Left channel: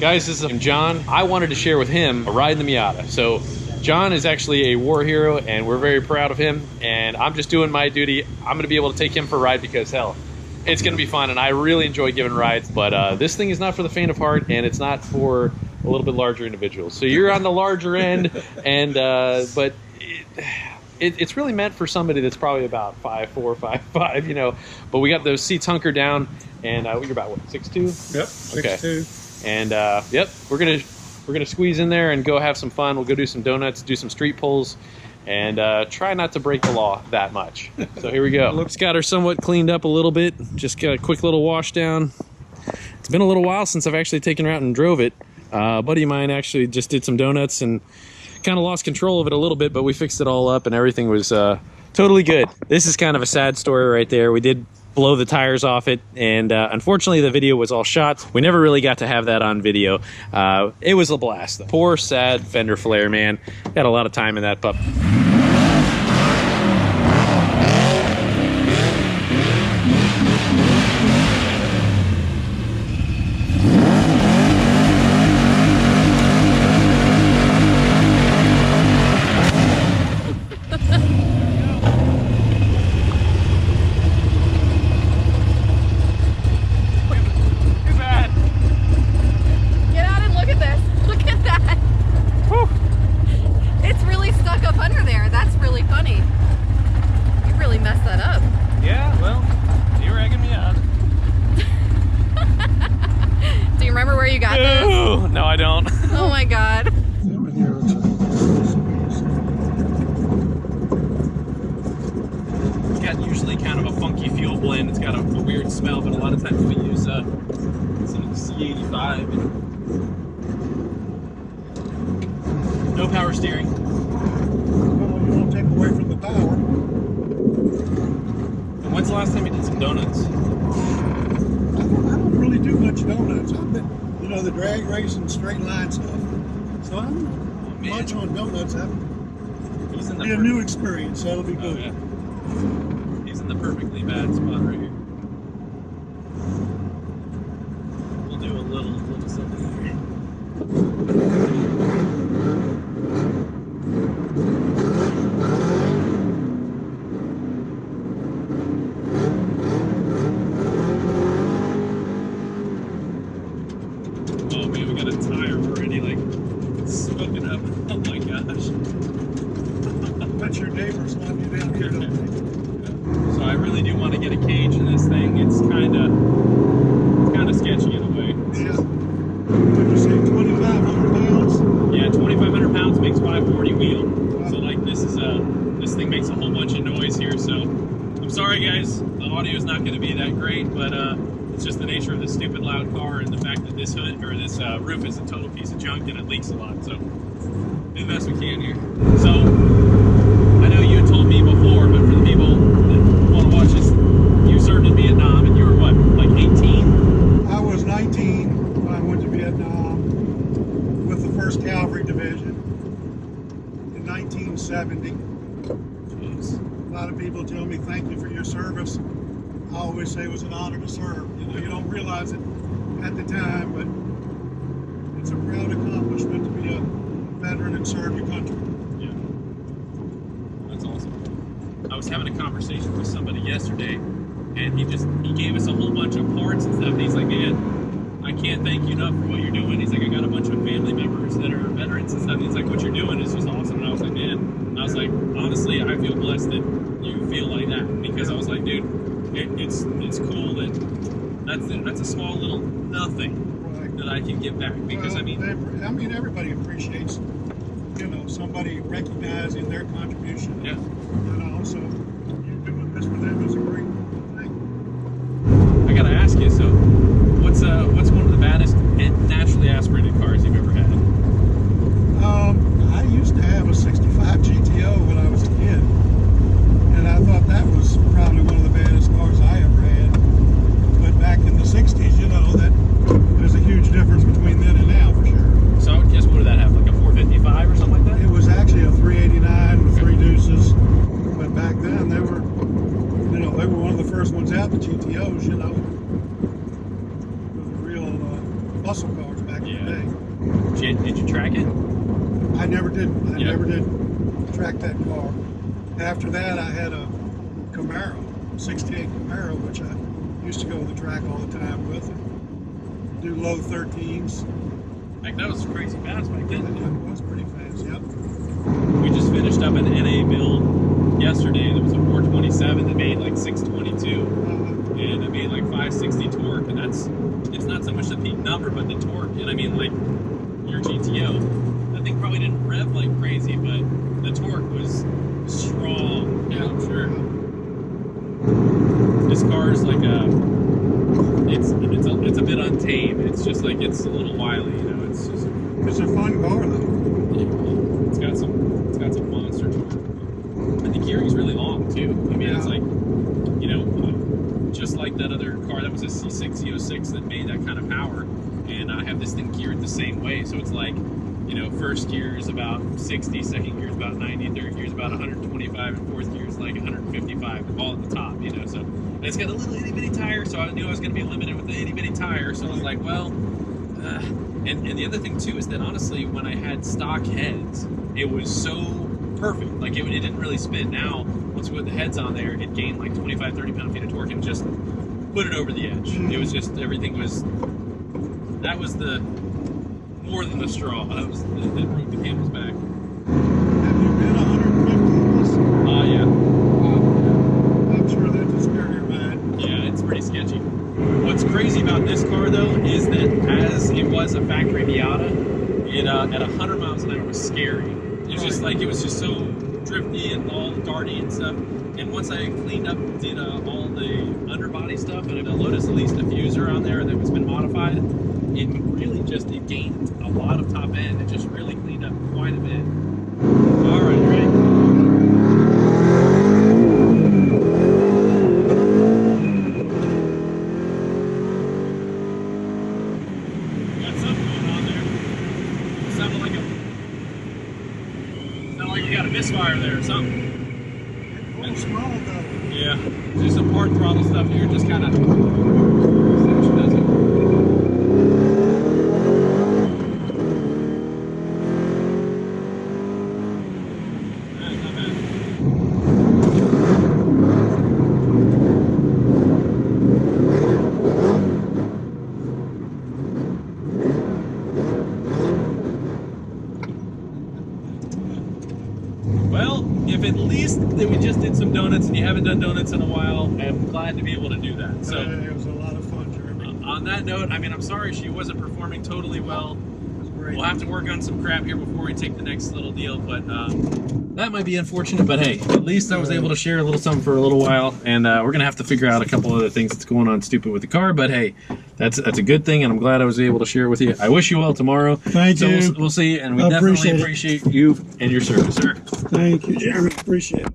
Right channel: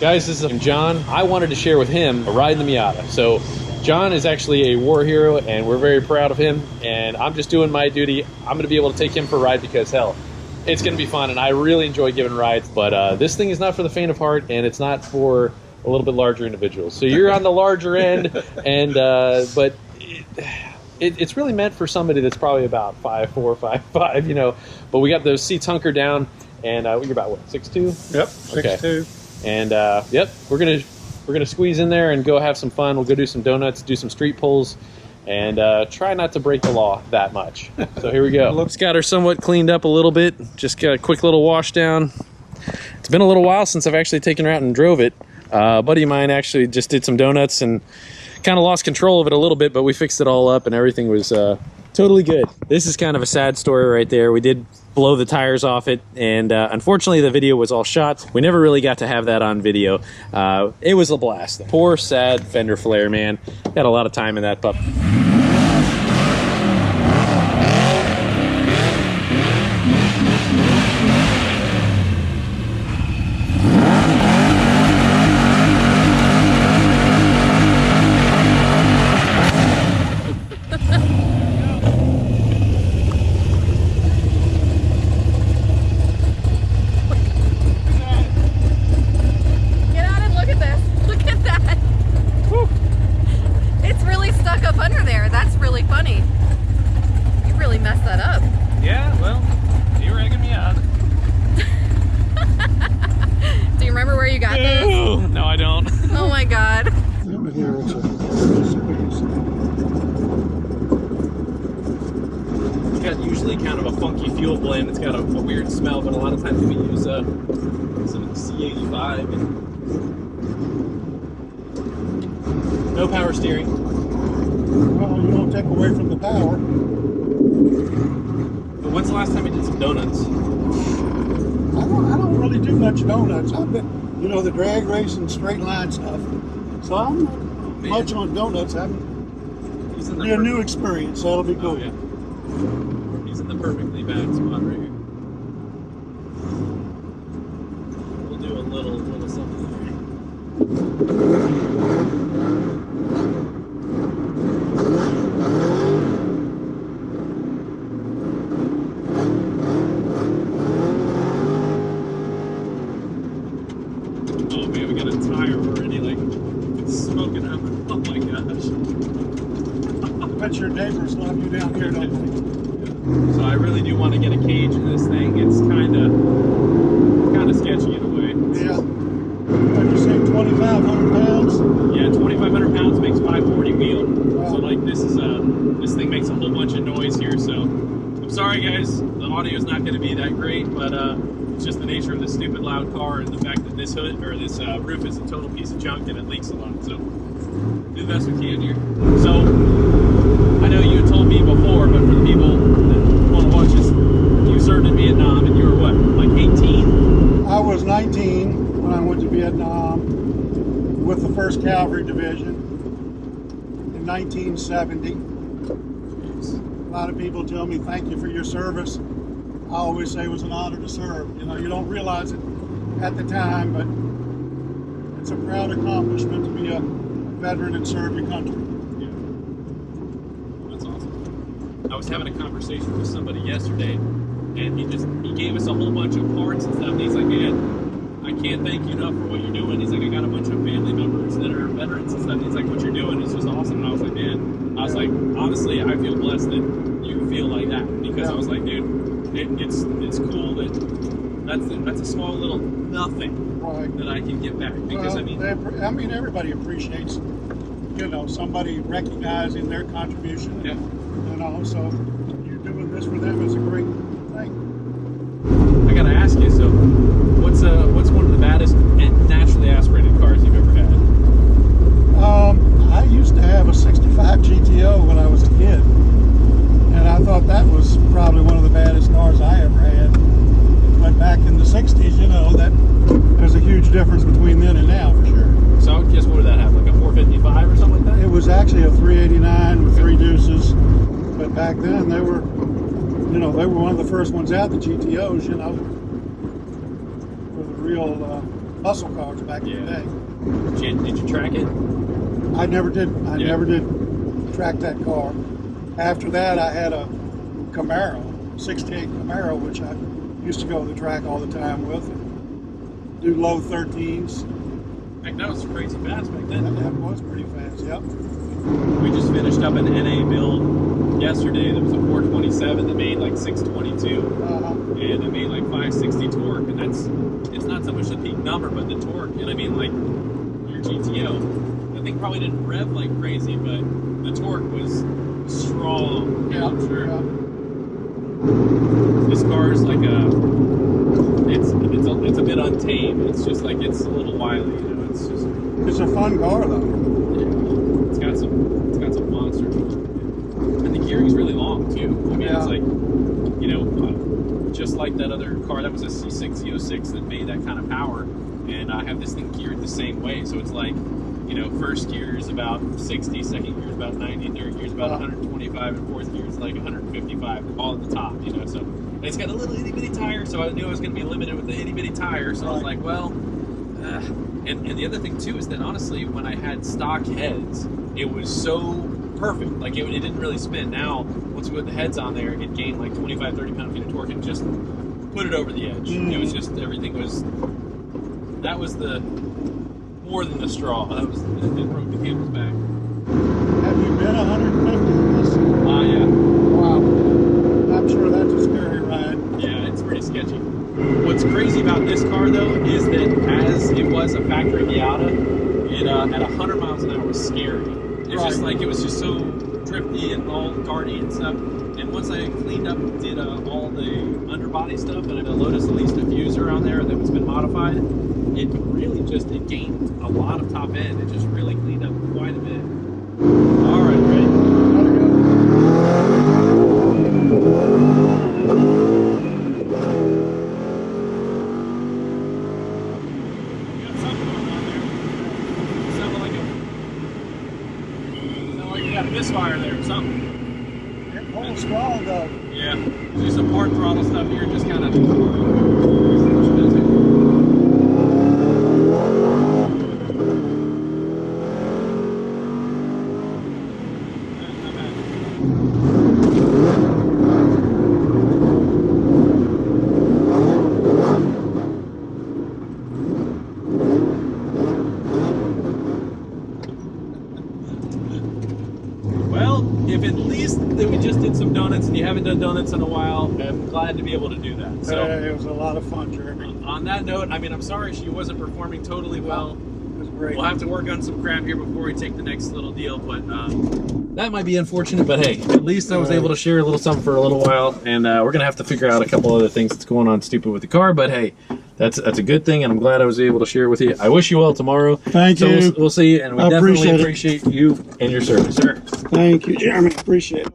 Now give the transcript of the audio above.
Guys, this is John. I wanted to share with him a ride in the Miata. So John is actually a war hero and we're very proud of him, and I'm just doing my duty. I'm gonna be able to take him for a ride because hell, it's gonna be fun and I really enjoy giving rides. But this thing is not for the faint of heart, and it's not for a little bit larger individuals. So you're on the larger end, and but it's really meant for somebody that's probably about 5'4", 5'5", you know. But we got those seats hunkered down, and you're about what, 6'2"? Yep, 6'2". And yep, we're gonna squeeze in there and go have some fun. We'll go do some donuts, do some street pulls, and try not to break the law that much. So here we go. Looks got her somewhat cleaned up a little bit. Just got a quick little wash down. It's been a little while since I've actually taken her out and drove it. A buddy of mine actually just did some donuts and kind of lost control of it a little bit, but we fixed it all up and everything was totally good. This is kind of a sad story right there. We did blow the tires off it, and unfortunately the video was all shot. We never really got to have that on video. It was a blast. Poor sad fender flare, man. Got a lot of time in that pup. No, I don't. Oh my God. Over here, it's a squeeze. It's got usually kind of a funky fuel blend. It's got a weird smell, but a lot of times we use some C85 and no power steering. Well, you don't take away from the power. But when's the last time you did some donuts? I don't really do much donuts. I've been, you know, the drag racing, straight line stuff. So I'm not much on donuts. It'll be a new experience, so it'll be cool. Oh, yeah. He's in the perfectly bad spot right here. We'll do a little something here. Oh my gosh. I bet your neighbors love you down here, don't they? Yeah. So I really do want to get a cage in this thing. It's kind of sketchy in a way. Yeah. What you say, 2,500 pounds? Yeah, 2,500 pounds makes 540 wheel. Wow. So like this thing makes a whole bunch of noise here. So I'm sorry guys, the audio is not going to be that great, but it's just the nature of this stupid loud car and the fact that this hood or this roof is a total piece of junk and it leaks a lot. So do the best we can here. So I know you had told me before, but for the people that want to watch this, you served in Vietnam and you were what, like 18? I was 19 when I went to Vietnam with the 1st Cavalry Division in 1970. Jeez. A lot of people tell me thank you for your service. I always say it was an honor to serve. You know, you don't realize it at the time, but it's a proud accomplishment to be a veteran and serve your country. Yeah, that's awesome. I was having a conversation with somebody yesterday, and he gave us a whole bunch of parts and stuff. And he's like, man, I can't thank you enough for what you're doing. He's like, I got a bunch of family members that are veterans and stuff. And he's like, what you're doing is just awesome. And I was like, man, like, honestly, I feel blessed that you feel like that, because I was like, dude, it's cool that that's a small little nothing. Right. That I can give back, because I mean everybody appreciates, you know, somebody recognizing their contribution. Yeah. And also, you doing this for them is a great thing. I gotta ask you, so what's one of the baddest naturally aspirated cars you've ever had? I used to have a '65 GTO when I was a kid, and I thought that was probably one of the baddest cars I ever had. But back in the '60s, you know, that there's a huge difference between then and now, for sure. So I would guess, what did that have, like a 455 or something like that? It was actually a 389 with 3 deuces, but back then they were, you know, they were one of the first ones out, the GTOs, you know, with a real muscle cars back in the day. Did you track it? I never did. I never did track that car. After that, I had a Camaro, 68 Camaro, which I used to go to the track all the time with and do low 13s. Like, that was crazy fast back then. That was pretty fast, yep. We just finished up an NA build yesterday. There was a 427 that made like 622, and it made like 560 torque, and it's not so much the peak number, but the torque. And I mean, like, your GTO, that thing probably didn't rev like crazy, but the torque was strong. Yeah, I'm sure. Yeah. This car's like it's a bit untamed. It's just like, it's a little wily, you know. It's a fun car though. Yeah, it's got some monster torque, and the gearing's really long too. I mean, it's like, you know, just like that other car that was a C6 Z06 that made that kind of power, and I have this thing geared the same way. So it's like, you know, first gear is about 60, second gear is about 90, third gear is about 125, and fourth gear is like 155, all at the top, you know. So, and it's got a little itty bitty tire, so I knew I was going to be limited with the itty bitty tire. So I was like, well, and the other thing too is that honestly, when I had stock heads, it was so perfect. Like, it didn't really spin. Now, once we put the heads on there, it gained like 25, 30 pound-feet of torque and just put it over the edge. It was just, everything was, that was the, more than the straw. That was, it broke the camel's back. Have you been 150 in this? Yeah. Wow. Yeah. I'm sure that's a scary ride. Yeah, it's pretty sketchy. What's crazy about this car though is that as it was a factory Miata, it at 100 miles an hour was scary. It's just like, it was just so drifty and all darty and stuff. And once I cleaned up, did all the underbody stuff, and I had a Lotus Elise diffuser on there that was been modified, it really just, it gained a lot of top end. It just really cleaned up quite a bit. All right, ready? Got something going on there. It sounded like you got a misfire there or something. It holds strong though. Yeah. Do some port throttle stuff here, just kind of. Well, if at least that we just did some donuts and you haven't done donuts in a while, I'm glad to be able to do that. So it was a lot of fun, Jeremy. On that note, I mean, I'm sorry she wasn't performing totally well. It was great. We'll have to work on some crap here before we take the next little deal, but that might be unfortunate, but hey, at least I was able to share a little something for a little while, and we're going to have to figure out a couple other things that's going on stupid with the car, but hey, that's a good thing, and I'm glad I was able to share it with you. I wish you well tomorrow. Thank you. We'll see, and we definitely appreciate you and your service, sir. Thank you, Jeremy. Appreciate it.